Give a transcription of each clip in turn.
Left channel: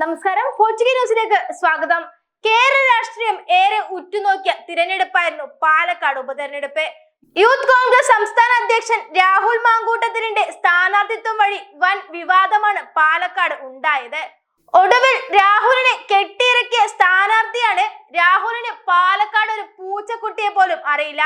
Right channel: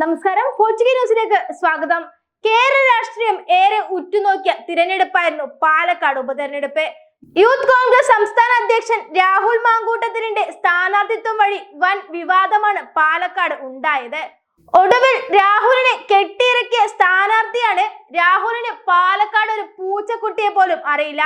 വാർത്തയിലേക്ക് സ്വാഗതം. കേരള രാഷ്ട്രീയം ഏറെ ഉറ്റുനോക്കിയ തിരഞ്ഞെടുപ്പായിരുന്നു പാലക്കാട് ഉപതെരഞ്ഞെടുപ്പ്. യൂത്ത് കോൺഗ്രസ് സംസ്ഥാന അധ്യക്ഷൻ രാഹുൽ മാങ്കൂട്ടത്തിലിന്റെ സ്ഥാനാർത്ഥിത്വം വഴി വൻ വിവാദമാണ് പാലക്കാട് ഉണ്ടായത്. ഒടുവിൽ രാഹുലിനെ കെട്ടിയിറക്കിയ സ്ഥാനാർത്ഥിയാണ് രാഹുലിന് പാലക്കാട് ഒരു പൂച്ചക്കുട്ടിയെ പോലും അറിയില്ല.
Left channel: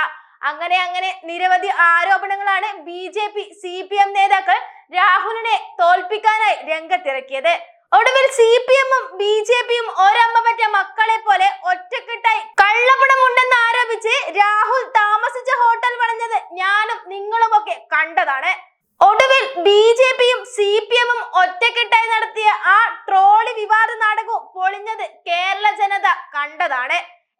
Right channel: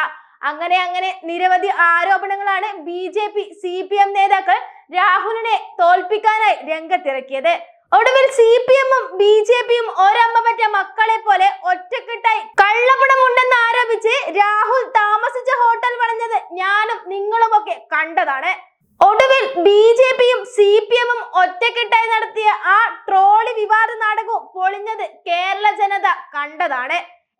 അങ്ങനെ അങ്ങനെ നിരവധി ആരോപണങ്ങളാണ് B J P C P M നേതാക്കൾ രാഹുലിനെ തോൽപ്പിക്കാനായി രംഗത്തിറക്കിയത്. ഒടുവിൽ സി പി എമ്മും ബി ജെ പിയും ഒരമ്മ പറ്റ മക്കളെ പോലെ ഒറ്റക്കെട്ടായി കള്ളപ്പണമുണ്ടെന്ന് ആരോപിച്ച് രാഹുൽ താമസിച്ച ഹോട്ടൽ വളഞ്ഞത് ഞാനും നിങ്ങളും ഒക്കെ കണ്ടതാണ്. ഒടുവിൽ ബി ജെ പിയും സി പി എമ്മും ഒറ്റക്കെട്ടായി നടത്തിയ ആ ട്രോളി വിവാദ നാടകവും പൊളിഞ്ഞത് കേരള ജനത കണ്ടതാണ്.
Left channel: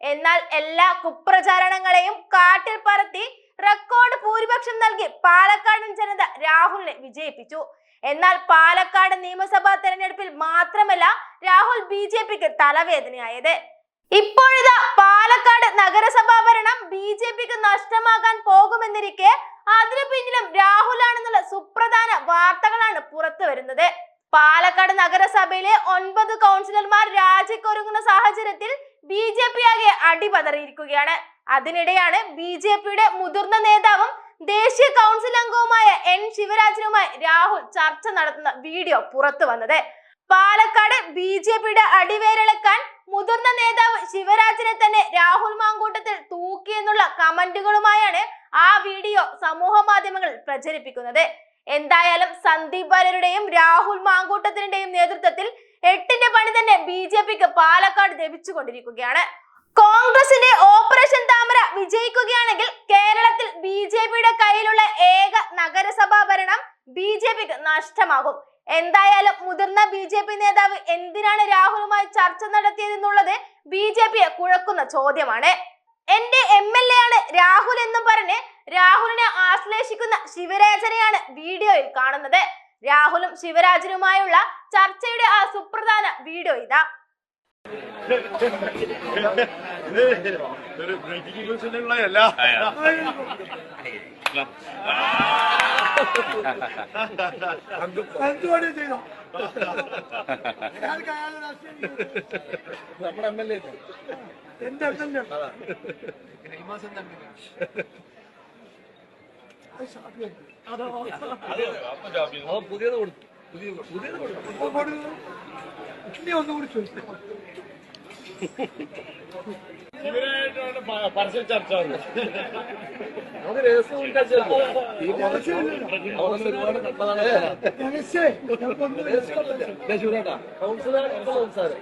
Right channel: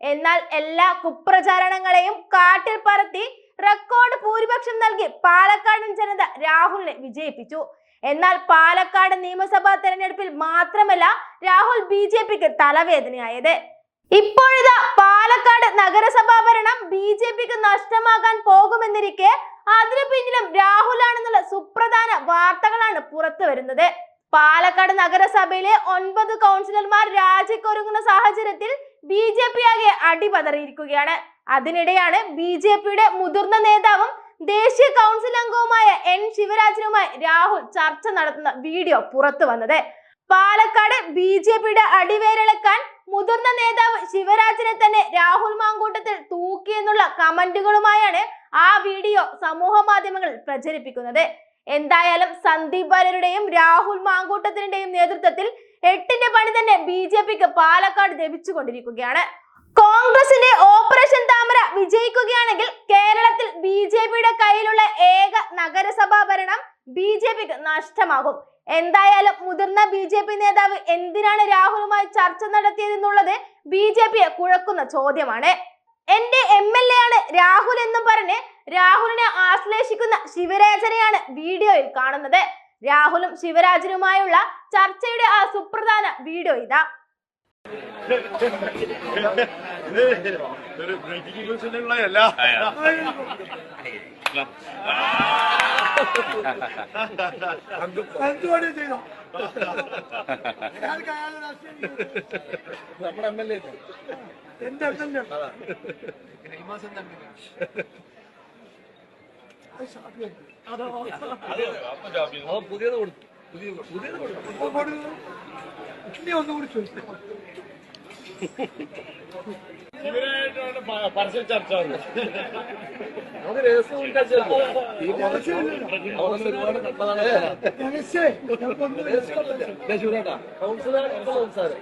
എന്നാൽ എല്ലാ കുപ്രചാരണങ്ങളെയും കാട്ടിൽ പറത്തി റെക്കോർഡ് ഭൂരിപക്ഷം നൽകി പാലക്കാടൻ ജനത രാഹുലിനെ വിജയിപ്പിച്ചു. എന്നാൽ പാലക്കാട് നിയമസഭാ തെരഞ്ഞെടുപ്പിൽ മാത്രമല്ല രാഹുൽ ബി ജെ പിക്ക് തലവേദനയായത്. ഇപ്പോഴിതാ പാലക്കാട് നഗരസഭാ ഭരണം ബി ജെ പിക്ക് നഷ്ടമാകാൻ പോകുമെന്നിരിക്കെ അതിനു പിന്നിലും രാഹുലാണെന്നുള്ള സുപ്രധാന വാർത്തകളാണ് പുറത്തു വരുന്നത് പാലക്കാട് നഗരസഭയിലെ ഒൻപത് കൗൺസിലർമാർ രാജിക്കൊരുങ്ങുന്ന സാഹചര്യത്തിൽ ബി ജെ പി ആകെ അടിപതറിയിരിക്കുകയാണ്. അതിനിടെയാണ് ബി ജെ പിയുടെ മുതിർന്ന നേതാവും ദേശീയ കൗൺസിൽ അംഗവുമായ എൻ ശിവരാജനുമായി രാഹുൽ ചർച്ച നടത്തുന്ന വീഡിയോ പുറത്തു വന്നത്. പാലക്കാട് ബി ജെ പിയുടെ അടിവേരിളക്കാൻ മുതിർന്ന നേതാവ് ശിവരാജനെ തന്നെ രാഹുൽ മാങ്കൂട്ടത്തിൽ തൂക്കിയെന്നുള്ള കമന്റുകളുമായാണ് ആ വീഡിയോ സമൂഹ മാധ്യമങ്ങളിൽ പ്രചരിപ്പിക്കുന്നത്. എന്തായാലും സന്ദീപ് ബാലരുടെയും രാഹുൽ മാങ്കൂട്ടത്തിന്റെയും നേതൃത്വത്തിൽ എട്ടിന്റെ പണി തന്നെ ബി ജെ പിക്ക് പാലക്കാട് ലഭിച്ചുകൊണ്ടിരിക്കുകയാണ്. കോൺഗ്രസിന്റെ ഓപ്പറേഷൻ താമര വിജയിക്കുകയാണെങ്കിൽ കേരളത്തിൽ ബി ജെ പിയുടെ കയ്യിലുള്ള ഏക നഗരസഭാ ഭരണം ബി ജെ പിക്ക് നഷ്ടമാകും. എന്തായാലും മുതിർന്ന ബി ജെ പി നേതാവ് എന്തിനാണ് രാഹുലുമായി ചർച്ച നടത്തിയതെന്നുള്ളത് ബി ജെ പിയെ കുഴക്കുന്ന ചോദ്യമാണ്. എന്റെ എം എൽ എ ആണ് രാഹുൽ എന്നും പറഞ്ഞ് രാഹുലിനെ ആശ്ലേഷിക്കുന്ന ശിവരാജനെയാണ് വീഡിയോയിൽ കാണുന്നത്. രാഹുലും ശിവരാജനുമായുള്ള ചർച്ചയുടെ ആ സുപ്രധാന വീഡിയോ ഇതാ. നമ്മുടെ എ എന്റെ എന്നെ പുതിയത് കൊടുത്തു. പുതിയത് കൊടുത്തു. ഇനി ഒന്നുകൂടി ചോദിച്ചു ഇവരായിട്ടാണ് പരസ്യ ചർച്ച നമുക്ക് രഹസ്യം ഒരുപാട് കണ്ടതാണ് കൗൺസിലർ സംസാരം.